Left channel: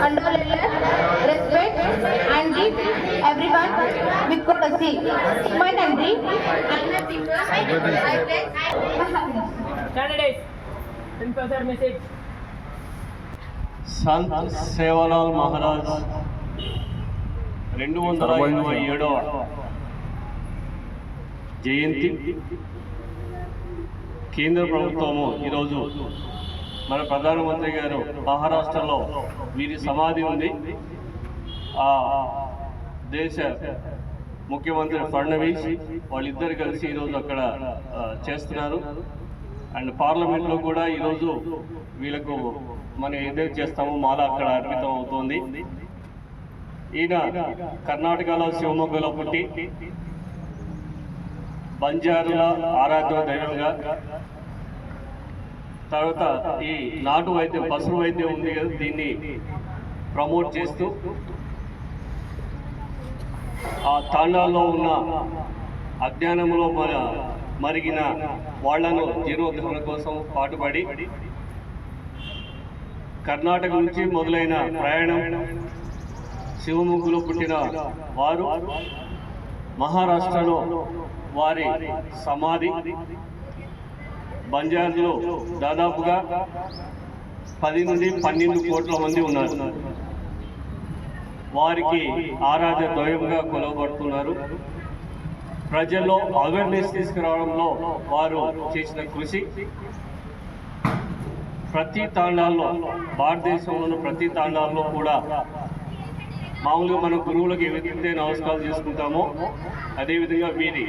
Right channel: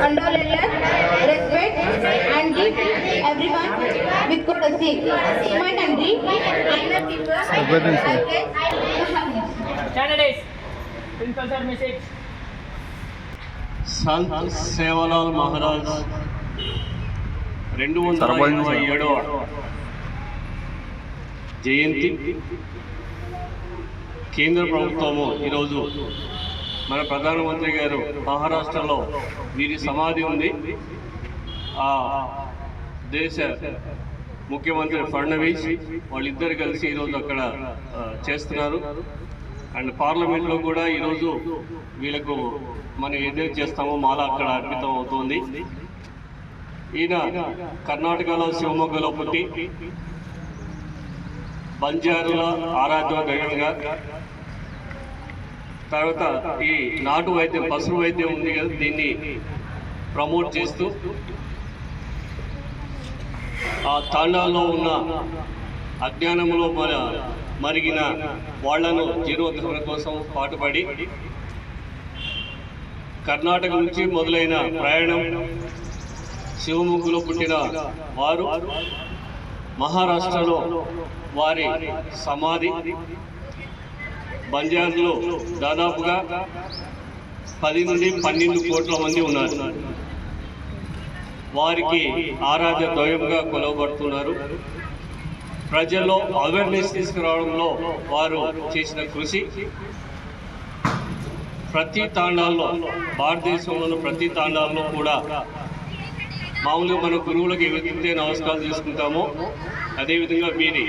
condolence, respect, and give everyone with courtesy. My country, Candidates, simple sir message. संत सेवालाल महाराज 227వ జయంతి కేంద్ర ప్రభుత్వము ఈరోజు మన ప్రధానమంత్రి గారు మహారాష్ట్రలో వీరి సమాధి ఉంది. ఆ దేశ ముఖ్యమంత్రి ఫడ్నవీస్ వాళ్ళిద్దరు కలిసి ఈరోజు అక్కడ చేస్తున్నారు. అండ్ పార్లమెంట్లో కూడా ఈరోజు వీళ్ళకు మనం ఏదైతే చేస్తామో మాల అక్కడ అర్పితం అవుతుంది. ఈయన కర్ణాటకలో శివమొగ్గలో పుట్టి బంజారుల ఆరాధ్య దైవంగా, తర్వాత ఈ నాటు వైద్యం పశువు వైద్యం ఉంది కదా, దీన్ని ప్రమోట్ చేస్తూ ఆ తాండాల్లో ఉన్న అజ్ఞానంలో మరిగిన వాళ్లను జీర్ణోద్ధరణ కోసం పాటుపడి కర్ణాటక నుంచి మొదలైన ప్రయాణం శివముగ్గులో పుట్టిన వారు మహారాష్ట్రలో వారి సమాధి బంజారులో దాదాపుగా 10 నుండి 12 కోట్ల మంది ఉన్నారు. వారికి ఆరాధ్య దైవంగా కొలవబడుతున్నారు. ప్రజల్లో అవేర్నెస్ తీసుకురావడంలో వారు చేసిన కృషి ప్రతి తాండాల్లో, భారతదేశంలోని ప్రతి తాండాల్లో కూడా మామూలుగా మన గురువులకు ఏవైతే నమస్కారం చేసుకుంటామో అదేవిధంగా వీరి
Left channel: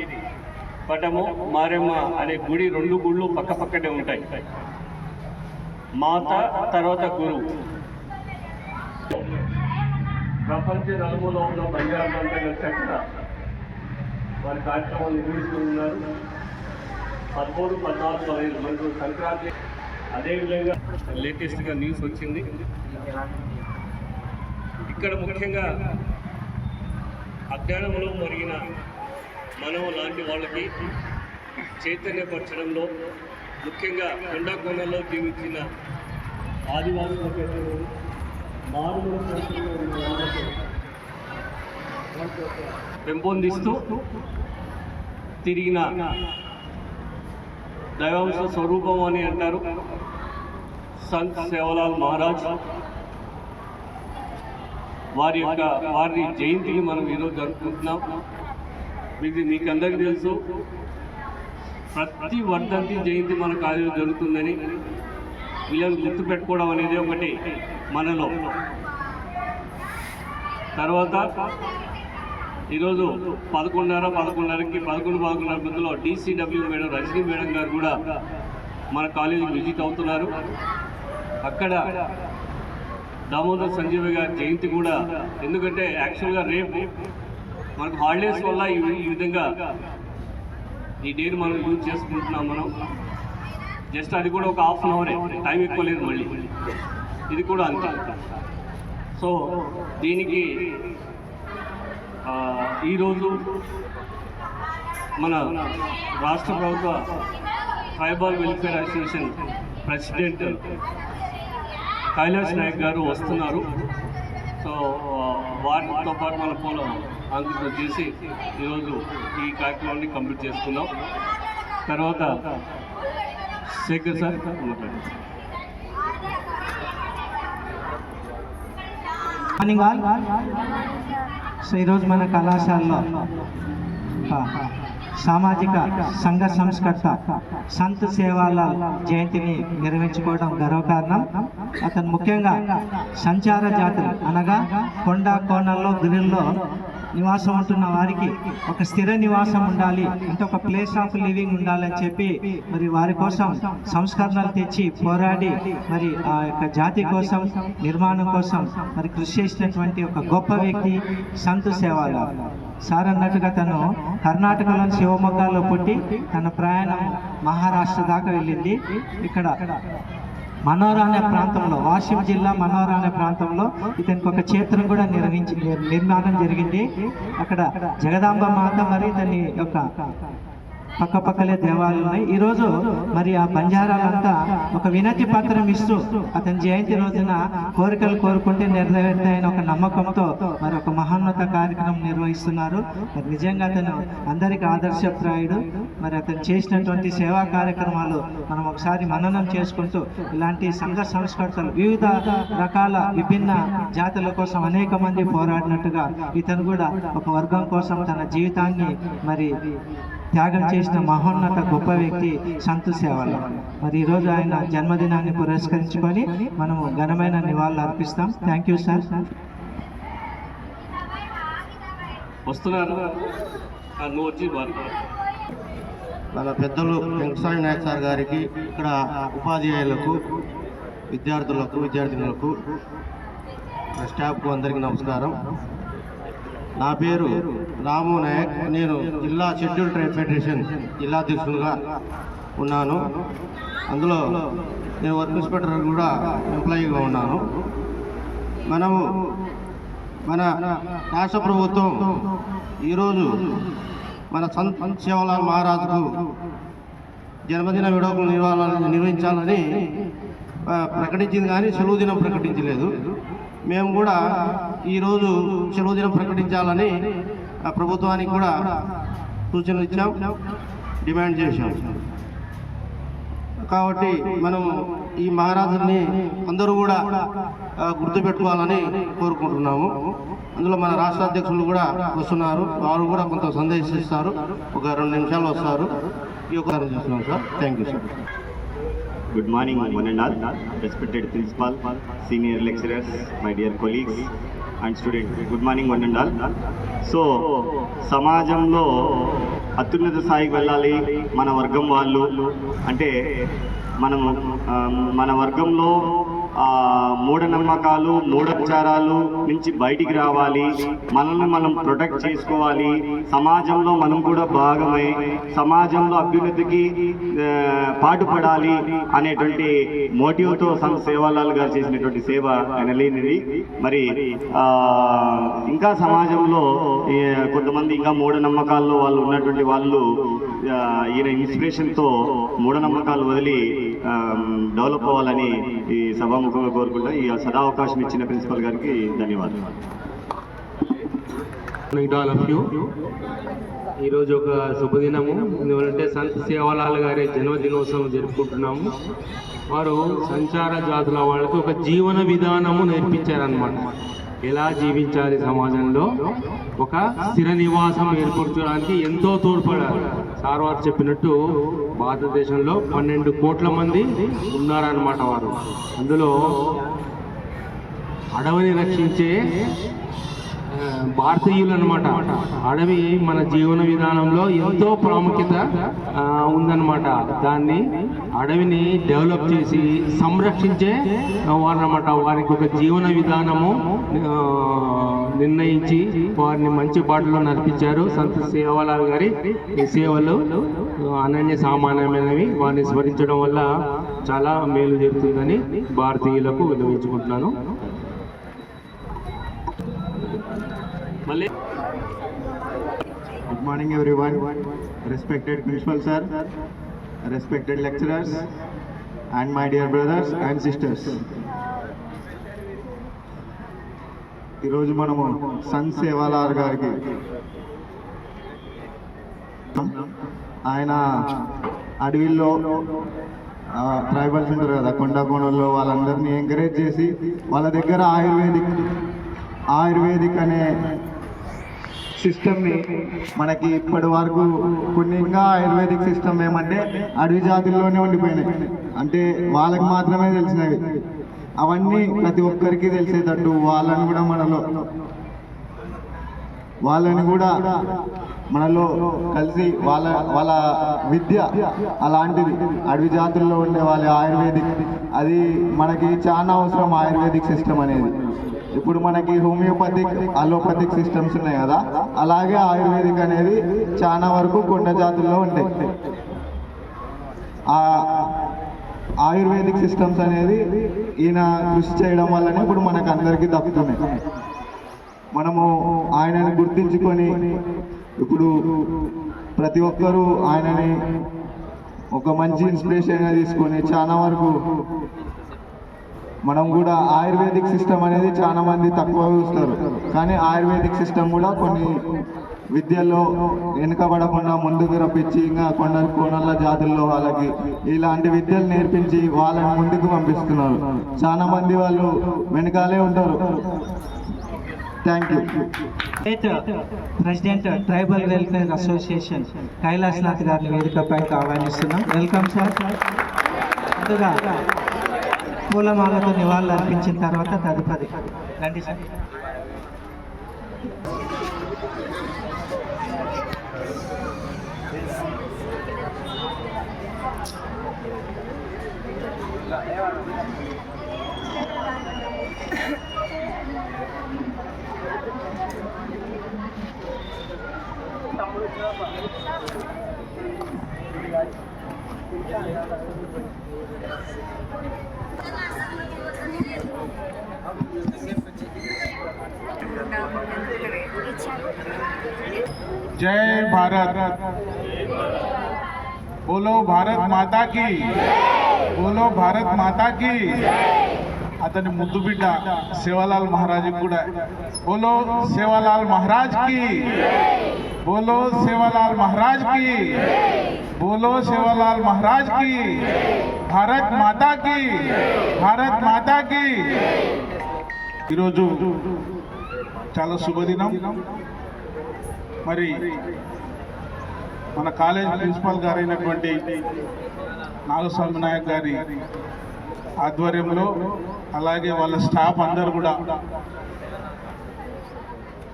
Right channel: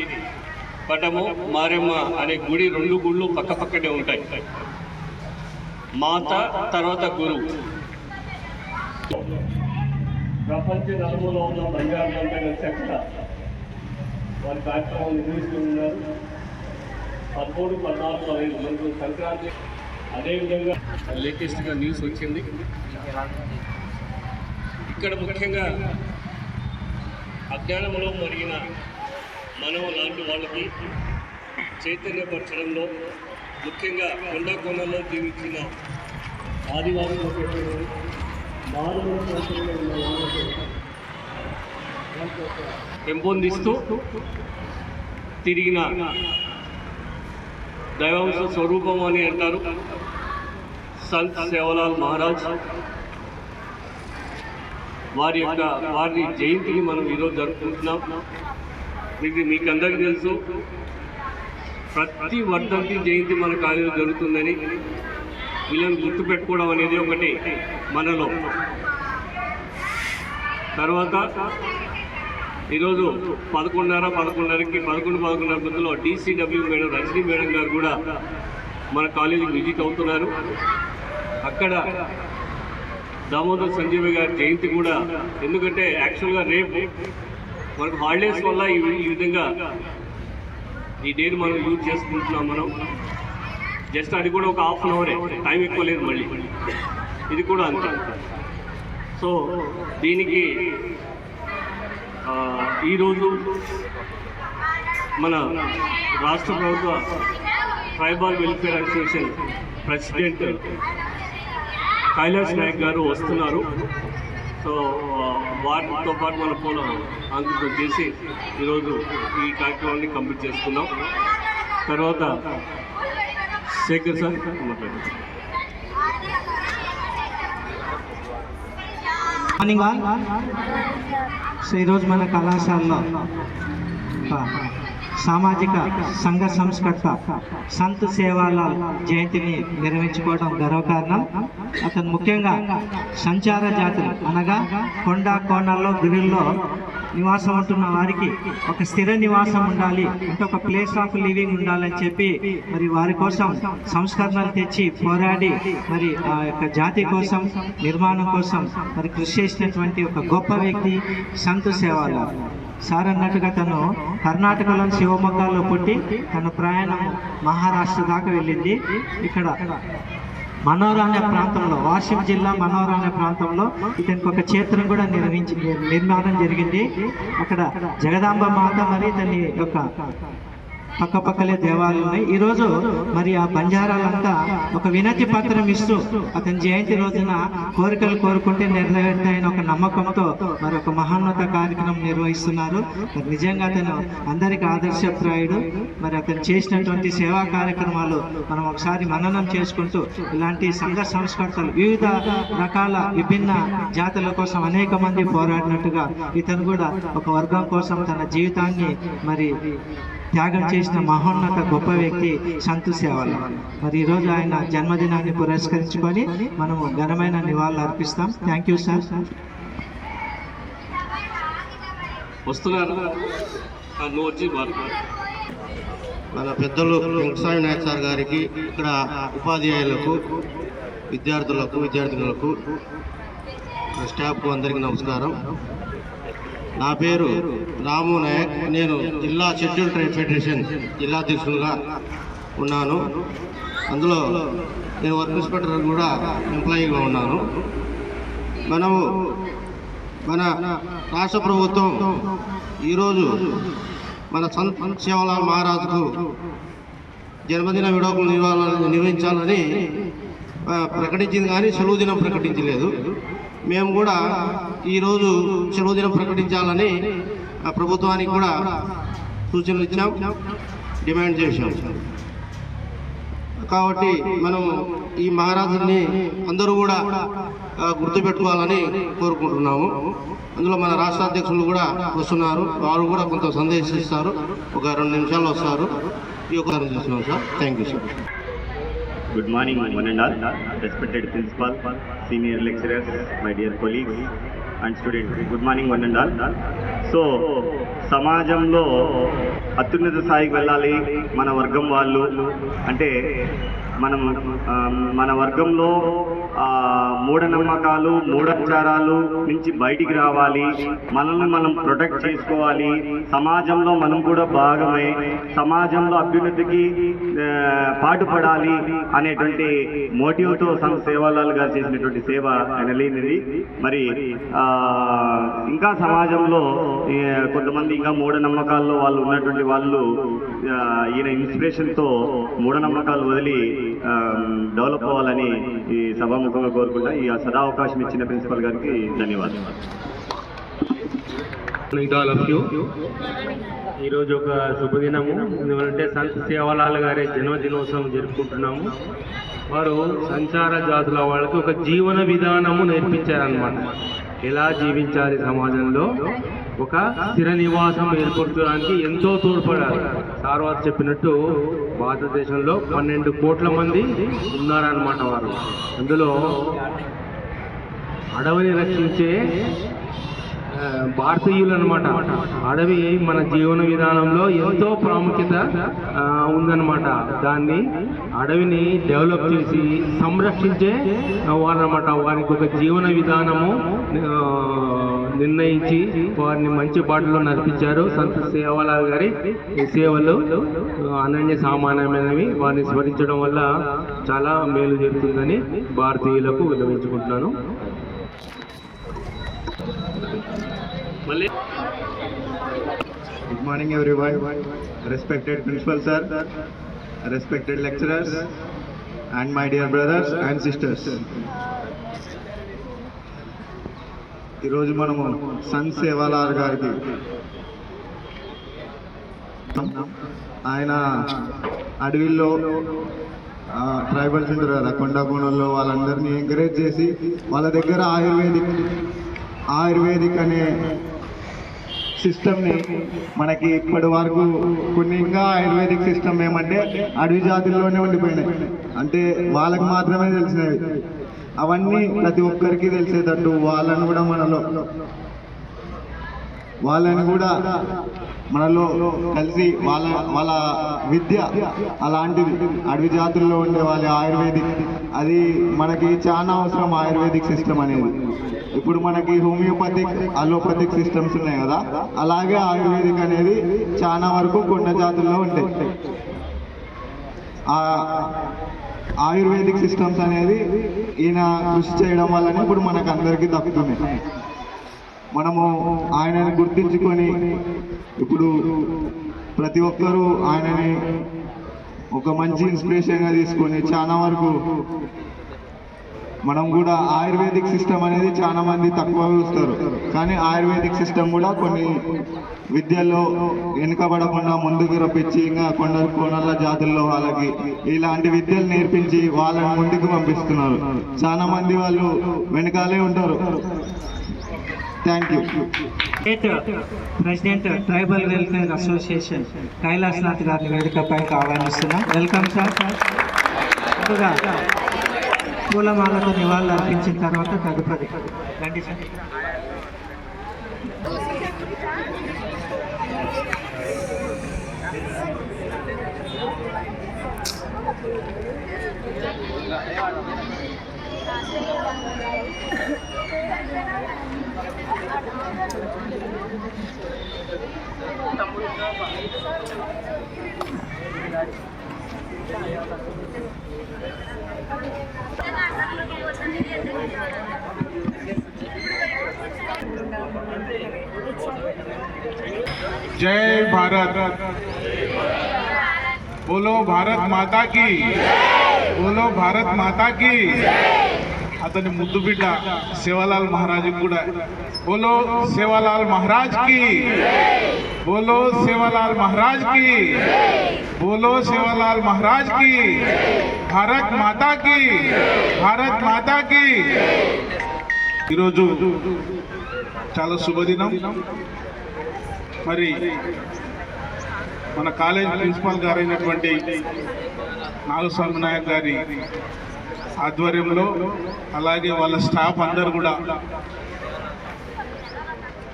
పటము మారెమ్మ అనే గుడి 2 గుళ్ళు పక్కపక్కనే ఉంటాయి. మాత తర్వాత గురువు. ప్రపంచ నలుమూలలో ఉన్న బంజారాలంతా కలిసి అక్కడ వారి కార్యక్రమాలు నిర్వహిస్తున్నారు. 13, 14, 15 మనకు సంక్రాంతి. అదేవిధంగా లేటెస్ట్గా న్యూస్ వచ్చింది. ఇక్కడ ముఖ్యంగా అజ్ఞానంలో మరిగిన మనం లాంటి వాళ్ళకి చైతన్యపరచడంలో, ముఖ్యంగా కొండకొండలో జీవించిన ఆదివాసులు మారుమూల ప్రాంతంలో ఉన్న వాళ్ళకి పెంపొందిస్తూ తిరిగిన దైవాంశ స్వరూపం అని అంటారు సంత్ సేవలాల్ మహారాజ్. వారి జయంతిని మనం ఈరోజు జరుపుకుంటున్నాం. మీకు అందరికీ తెలుసు, ప్రతి వర్ధంతి జయంతి మన కాలేజీలో జరుగుతుందని. వీళ్ళని గుర్తుపెట్టుకోవడం అనేది ఒకటి మనలో. తర్వాత ఈరోజు 11:30కి 11:30 మధ్యలో DCW మేడం రజనీ మేడం గారు కూడా మన కాలేజీకి విజిట్ అవుతున్నారు. అక్కడ దామోదర్ సంజీవి గారి జయంతి కూడా, ఎందుకంటే యాక్చువల్గా రేపు మనకు హాలిడేస్ వల్ల ఈ విధంగా ఈ డేని మనం యూజ్ చేసుకుంటున్నాం. మనం జస్ట్ అది కూడా ఒక ½ అన్ అవరే, టైం ఎక్కువ లేదు. మళ్ళీ ఇది కూడా అంతే. సో దీనికి ఈరోజు మన రాష్ట్ర ప్రభుత్వ tribal welfare association president Kailash Nayak గారు వస్తున్నారు. సో వాటితో పాటు మన పూల అంకితం చేసి ఈరోజు ఈ కార్యక్రమాన్ని కంప్లీట్ చేసుకున్నాం. తర్వాత శేఖర్ సార్ మాట్లాడారు. Morning all. సో ఈరోజు మన కళాశాలలో సామాజిక సంఘ సంస్కర్త సంత్ సేవాలాల్ జయంతిని నిర్వహించుకోవడం గర్వకారణం. అతను ముఖ్యంగా సంచార జాతులు అనగా కొండ కోణల్లో గురుల్లో నివాసం ఉంటున్న వారికి ఒక స్థిర నివాసం ఉండాలి, అంటే ఒక ప్లేస్ ఆఫ్ లివింగ్ ఉండాలని చెప్పి మరి వారి కోసం సంస్కరణలు తెచ్చి పోరాడి మరి ఆ యొక్క జాతి కోసం నిర్మాణం కోసం మరి కృషి చేసినటువంటి ఒక గొప్ప వ్యక్తి సంత్ సేవాలాల్ సార్. అన్నట్టుగా తను కర్ణాటకలో శివమొగ్గలో పుట్టి తన ప్రయాణం మహారాష్ట్ర దాకా వెళ్ళింది. ఇక్కడ మనోరా అనే ప్రాంతంలో, వాషిం జిల్లా మనోరా అనే ప్రాంతంలో ఇతనికి ఒక క్షేత్రం కూడా నిర్మాణం జరిగింది. అక్కడ జగదాంబ మాత మరి ఇతని యొక్క పక్కపక్కలే దేవాలయాలు ఉన్నాయి. ఈరోజు మరి ఆ బంజారాలంతా ఒక వినతి పత్రం ఇస్తూ అతని జయంతి రోజున కోరికలు కోరుకుంటే నెరవేరుతాయని ఒక నమ్మకంతో మరి ఒక మహోన్నత కార్యక్రమం నిర్వహిస్తున్నారు. మరి నిజంగా అతను అందరికీ ఆదర్శప్రాయుడు. మరి అతను చేసినటువంటి సేవా కార్యక్రమాలు మనం ఒకసారి మననం చేసుకుంటూ ఇలాంటి సంఘ సంస్కర్తలు వివిధ రకాల విభిన్న జాతుల కోసం అనేక మంది పోరాడినట్టుగా ఇతను కూడా ఒక వర్గం కోసం తన జీవితాన్ని మరి త్యాగం చేసిన మహోన్నత గొప్ప వ్యక్తి సంతు సేవలు. మరి ఈరోజు ఆయన జన్మదినాన్ని పురస్కరించుకొని మనము ఘనమైన నివాళులు అర్పిస్తాం. Thank you sir. వస్తున్నారు నువ్వు వచ్చి మన పెద్దలు వెంకటస్వామి నాయక్ సార్ గారికి, ఇక్కడ ఉపాధ్యాయులకు, విద్యార్థులకు, స్టాఫ్కు అందరికీ నమస్కారం. నా పేరు రాము నాయక్. నేను జిల్లా షెడ్యూల్ ట్రైబ్ ఫెడరేషన్ జిల్లా అధ్యక్షులుగా ఉన్నాను. అందులో నేను వర్క్ ఇన్స్పెక్టర్ కూడా ఎంప్లాయీగా ఉన్నాను. మన రాష్ట్ర ప్రభుత్వం ఈరోజు మన సంత్ సేవాలాల్ మహారాజుకు జన్మదిన వేడుకలు నిర్వహించాలని ప్రకటించింది, కానీ సెలవు దినం ప్రకటించలేదు. మేము కూడా ఈరోజు సెలవు దినం ప్రకటించాలని ప్రభుత్వానికి కూడా సూచనలు ఇచ్చాం, డిమాండ్ చేశాం. కాబట్టి మనం ఈ మహారాజుని అందరూ కూడా గుర్తుపెట్టుకోవాలని కోరుకుంటున్నాము. అందులో మన రాష్ట్ర అధ్యక్షులు కూడా వస్తున్నారు, వారు కూడా కొంత సందేశిస్తారు. ఒక 2 నిమిషాలు వస్తారు. ఈ ఒక చేస్తున్నాం sir. Thank you sir. Good morning, one and all, respected principal, senior lecturers, my dear colleagues and students. Good morning, one and all. So, సమాజంలో అత్యున్నత స్థాయికి వెళ్ళాలి మన వర్గం వాళ్ళు అంటే మన వర్గంలో మూఢనమ్మకాలు, మూఢాచారాలు నుంచి బయటికి రావాలి, మనల్ని మనం ప్రొటెక్ట్ చేసుకోవాలి, సమాజంలో మనం కూడా భాగమై సమాజంలో అభ్యున్నతికి పాటుపడాలి అనేటువంటి మోటివ్తో సేవాలాల్ గారు చేసినటువంటి సేవ అనలేనిది. మరి ఇంకా సమాజంలో కొంతమంది ఇంకా మూఢనమ్మకాల్లో వాళ్ళు ఉన్నటువంటి వాళ్ళు ఈయన ఇన్స్పిరేషన్తో మూఢనమ్మకాలు వదిలి డెవలప్ అవ్వాలని ఈ సభాముఖంగా కోరుకుంటా. ఈ సదావకాశం ఇచ్చిన ప్రిన్సిపల్ గారికి ధన్యవాదాలు. ఈరోజు ఒక శుభదినము. ఎందుకంటే సంత్ సేవాలాల్ గారి జన్మదినోత్సవం జరుపుకుంటున్నాము. వారు సంచార జాతుల వాళ్ళకి ఒక జీవన విధానము నేర్పించారనమాట. ఎలా జీవించాలి, సమాజంలో ఒక స్థిర నివాసం ఏర్పరచడానికి ఎంతో తోడ్పడారు. సార్ వారు చెప్పినట్టు భారతదేశంలో 12 కోట్ల మంది ఉన్నారన్నమాట. వారు అందులో అడవిని రక్షించే భారతీయులు అనమాట. అడవి మన జీవన విధానంలో ఎంతో ప్రాముఖ్యత ఉందన్నమాట. దాన్ని అడవిని డెవలప్ చేసి సంరక్షించే వారన్నమాట. వారికి ఒక జీవన విధానము నిర్ణయించి వారిని మంచి బాటలో నడిపించారు. సంత్ సేవాలాల్ గారి సేవలు అనన్య సామాన్యమైనవి. వారిని స్మరించడం వల్ల చాలా మేలు జరుగుతుందని భారతీయులకు విన్నవించుకుంటున్నాను. Good morning everyone, respected principal sir, respected lecturers and my dear brothers and sisters. ఈరోజు మనము సంత్ సేవాలాల్ గారికి ఆయన అడవిలో ట్రైబల్స్ ఉంటారు కదా, కొండకోణంలో వాళ్ళందరినీ ఎంకరేజ్ చేసి వాళ్ళ దగ్గర ఆయుర్వేదిక్ అనే సిస్టమ్ని మనకి ఇప్పటి వరకు కొన్ని ఇంకా ఆయుర్వేదిక్ సిస్టమ్ ఏమంటే అడవి జాతుల్లోనే ఉండిపోయినాయి, అంటే వాళ్ళకి మాత్రమే తెలిసినవి. అవన్నీ ప్రతి ఒక్కరికి తెలిసేటట్టు వాళ్ళని కూడా మనలో కలిసి వాళ్ళ విద్య అలాంటిది. అడవి జాతుల్లో ఉండే వాళ్ళ ఆయుర్వేదిక్ అది మనకి చాలా అవసరం. ఆయుర్వేదిక్ సిస్టమ్ అనేది ఇప్పుడు మనకి హోమియోపతిక్, అలోపతిక్ సిస్టమ్స్ ఉన్నాయి కదా, అలాగే ఆయుర్వేదిక్ అనేది చాలా వరకు కొండ జాతుల్లో ఉంటాయి. ఆ ఆయుర్వేదిక్ సిస్టమ్స్ అనేది ఈయన కృషి చేయడం వల్లనే ఇప్పుడు మనకు అందరికీ దక్కుతున్నాయి. మనము ఆయనను గుర్తించుకొని ఇప్పుడు ప్రతి ఒక్కరూ ఆయనని ఒక మంచి ఇన్స్పిరేషన్గా తీసుకొని చాలా వరకు మనం కూడా ఆయుర్వేదిక్ సిస్టమ్ అనేది చాలా మంది తక్కువ చూస్తారు, కానీ ఆయుర్వేదిక్ సిస్టమ్ కూడా కొన్ని విద్యల్లో వెనుకబడకుండా ముందుకు రప్పించి ఇంకా కోనల జాతుల్లో వాళ్ళకి ఇలాంటి విద్యలు నేర్పించి వాళ్ళని ముందుకు పంపిస్తున్నారు. చాలా మంది వాళ్ళు వెనకాలే ఉంటారు. Thank you. State president tribal welfare association Kailasanath గారిని వేదికపై ఆహ్వానిస్తున్నాం. Welcome sir. ముందుగా పూలమాలతో నివాళులు అర్పించిన తర్వాత తదుపరి రండి సార్. जय भारत, बोलो भारत माता की, बोलो भारत माता की. అతని ముద్దు బిడ్డ సేవాలాల్ మహారాజ్ కూడా బోలో సేవాలాల్ మహారాజ్ కి, బోలో సేవాలాల్ మహారాజ్ కి, బోలో సేవాలాల్ మహారాజ్ కి. భారత్ మాతా కి, భారత్ మాతా కి. ఈరోజు చాలా శుభదినం. మరి మన కాలేజ్ ప్రిన్సిపాల్ గారైనటువంటి నాగస్వామి నాయక్ గారి ఆధ్వర్యంలో, అలాగే వాళ్ళ స్టాఫ్ అందరు కూడా,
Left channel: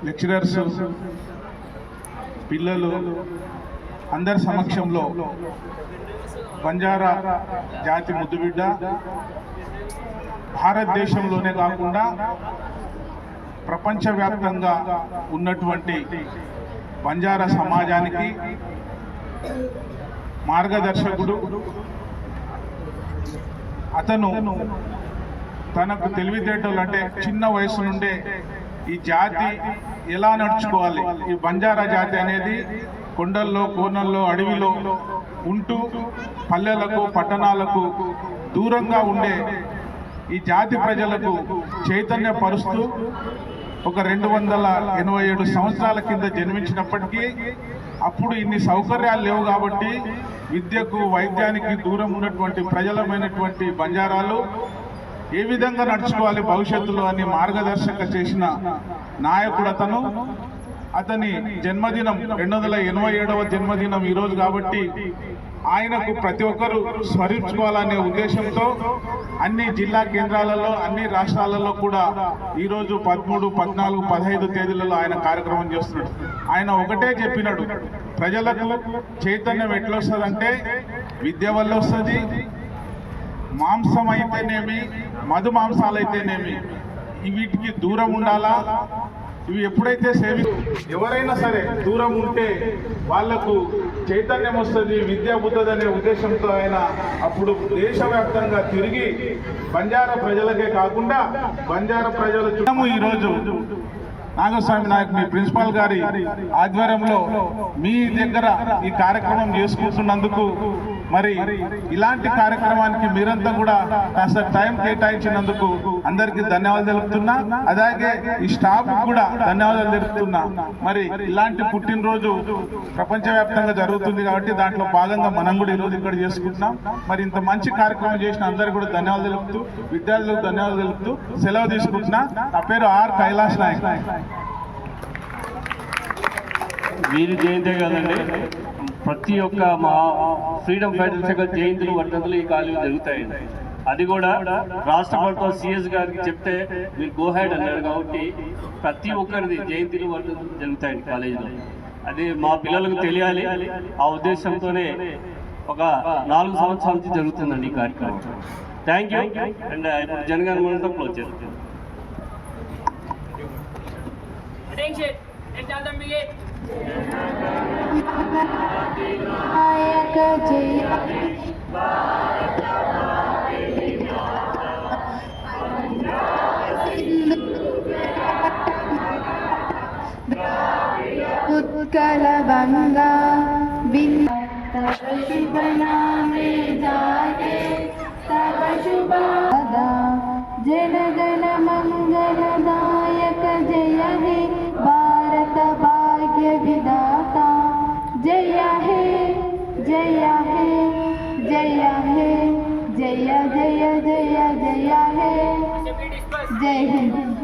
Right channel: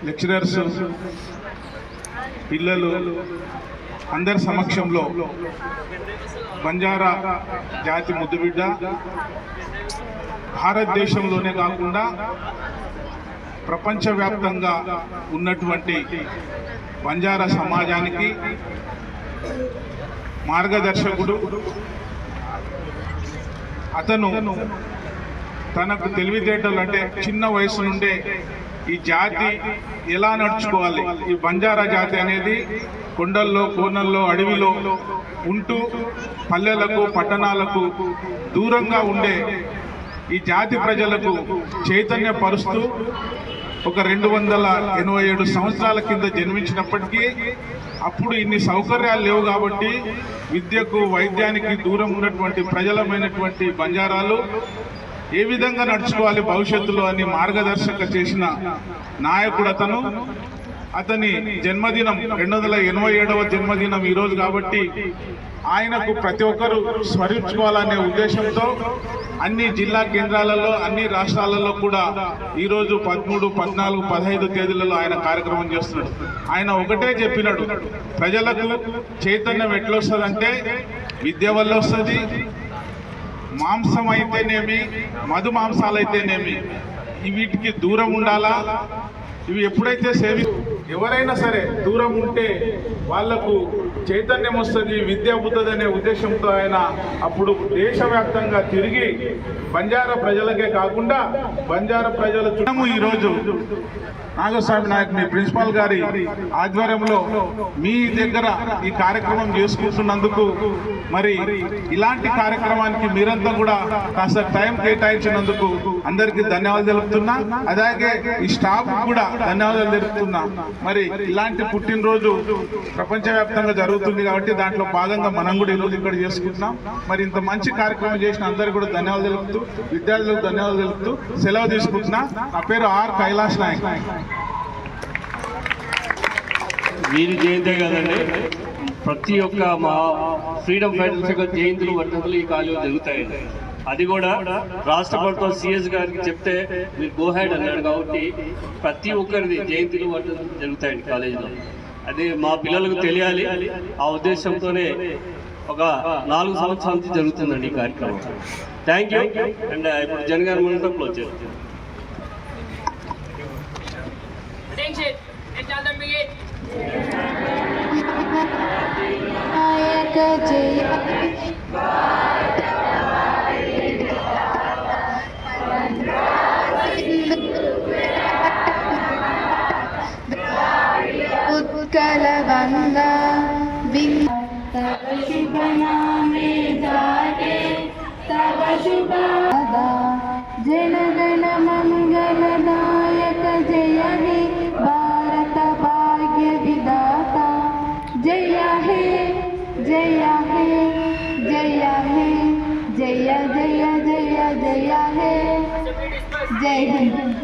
లెక్చరర్స్, పిల్లలు అందరి సమక్షంలో బంజారా జాతి ముద్దుబిడ్డ భారతదేశంలోనే కాకుండా ప్రపంచవ్యాప్తంగా ఉన్నటువంటి బంజారా సమాజానికి మార్గదర్శకుడు. అతను తనకు తెలివితేటలు అంటే చిన్న వయసు నుండే ఈ జాతి ఎలా నడుచుకోవాలి, ఈ బంజారా జాతి అనేది కొండల్లో, కోనల్లో, అడవిలో ఉంటూ పల్లెలకు, పట్టణాలకు దూరంగా ఉండే ఈ జాతి ప్రజలకు చైతన్యపరుస్తూ ఒక 287 సంవత్సరాల కింద జన్మించినప్పటికీ అప్పుడు ఇన్ని సౌకర్యాలు లేవు కాబట్టి విద్యకు, వైద్యానికి దూరం ఉన్నటువంటి ప్రజలమైనటువంటి బంజారాలు ఏ విధంగా నడుచుకోవాలి భవిష్యత్తులో అని మార్గదర్శక చేసిన నాయకుడు అతను. అతని జన్మదినం 287వ జన్మదినం ఈరోజు కాబట్టి ఆయనకు ప్రతి ఒక్కరూ స్మరించుకోవాలనే ఉద్దేశంతో అన్ని జిల్లా కేంద్రాలలో, అన్ని రాష్ట్రాలలో కూడా ఈరోజు 13, 14, 15 తేదీలలో ఆయన కార్యక్రమం చేస్తున్నాడు. ఆయన ఒకటే చెప్పినాడు, ప్రజలకు చైతన్యం ఎట్లొస్తుందంటే విద్య వల్ల వస్తుంది. మాంసం అయితేనేమి, మధు మాంసాలైతేనేమి వీటికి దూరం ఉండాలా. ఇవి ఎప్పుడైతే ఎవరైనా సరే దూరం ఉంటే వాళ్లకు చైతన్యం వస్తుంది, విద్య పుట్టదు అనే ఉద్దేశంతో ఆయన అప్పుడు దేశవ్యాప్తంగా తిరిగి బంజారా ప్రజలకే కాకుండా బంజారా ప్రజల చుట్టము ఈరోజు నాగస్వామి నాయక్ మీ ప్రిన్సిపాల్ గారి ఆధ్వర్యంలో మీ దగ్గర ఈ కార్యక్రమం చేసుకుంటున్నందుకు, మరి ఇలాంటి కార్యక్రమానికి మీరంతా కూడా కాస్త టైం కేటాయించినందుకు అందరికీ ధన్యవాదాలు తెలుపుతున్నా. అలాగే ఈ స్టాఫ్ కూడా ధన్యవాదాలు తెలుపుతున్నా. మరి ఇలాంటి పుట్టినరోజు ప్రపంచవ్యాప్తంగా జరుగుతుంది కాబట్టి దాంట్లో భాగంగా మనం కూడా ఈరోజు ఇక్కడ చేసుకుంటున్నాం. మరి ఇంత మంచి కార్యక్రమం చేసిన అందరికీ కూడా ధన్యవాదాలు తెలుపుతూ, విద్యార్థులకు ధన్యవాదాలు తెలుపుతూ సెలవు తీసుకుంటున్నా. నా పేరు ఆర్ కైలాస్ నాయక్. వీరి జయంతే కదండి, ప్రతి ఒక్క మా ఫ్రీడమ్ ఫైటర్స్ యొక్క జయంతులు, వర్ధంతులు ఈ కాలేజీలో జరుగుతాయండి. అది కూడా రాష్ట్ర ప్రభుత్వం సిఎస్ గారికి చెప్తే మీరు గో హెడ్ అన్నాడు కాబట్టి ప్రతి ఒక్కరిది జయంతులు, వర్ధంతులు జరుగుతాయండి కాలేజీలో. అది మా పిల్లలకు తెలియాలి. ఆ ఉద్దేశంతోనే ఒక 4 సంవత్సరాల నుంచి జరుగుతుందండి ఈ కార్యక్రమం. Thank you. అండ్ ఇప్పుడు జనగణ మనతో క్లోజ్ చేస్తాం. ఉత్కల గంగా तब शुभ नामे जागे तब शुभ जन गण मंगलदायक जय हे भारत भाग्य विधाता जय हे जय हे जय हे जय जय जय जय हे जय हिंद।